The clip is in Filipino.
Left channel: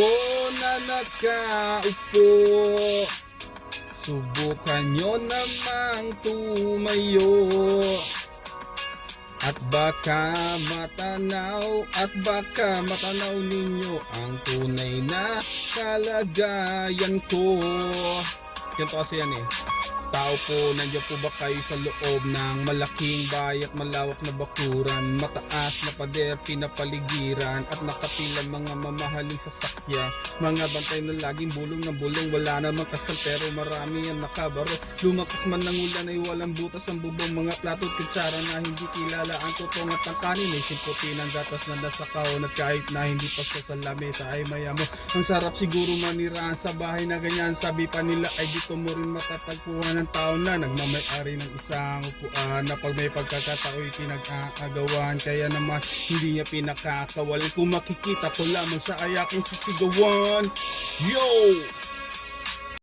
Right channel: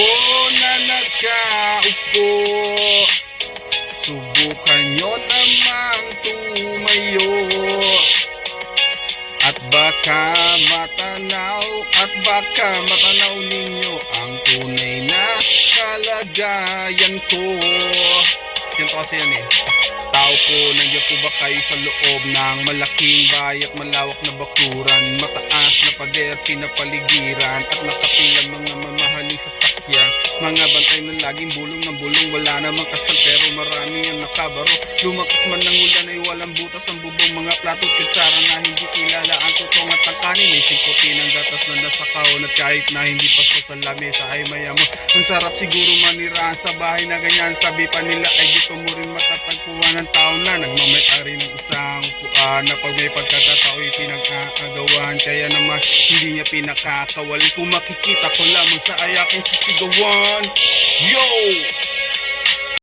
po na nakaupo. Subukan nyo namang tumayo, at baka matanaw ninyo ang tunay na kalagayan ko. Ganito kasi yan eh. Tao po, nandiyan po ba kayo sa loob ng malaking bahay at malawak na bakuran, mataas na pader, pinapaligiran at nakapilang mga mamahaling sasakyan, mga bantay na laging bulong ng bulong, wala namang kasal pero marami ang nakabaro. Lumakas man ng ulan ay walang butas ang bubong, mga plato at kutsara na hindi kilala ang tutong at ang kanin ay simputi ng gatas na nasa kahon, at kahit na hindi pa sa lamesa ay mayamo. Ang sarap siguro manirahan sa bahay na ganyan, sabi pa nila ay dito mo rin matatagpuan ng tao na nagmamay-ari ng isang upuan, na pag may pagkakatao'y pinag-aagawan, kaya naman hindi niya pinakakawali. Kung makikita ko lamang sa ayaking sisigawan. Yo!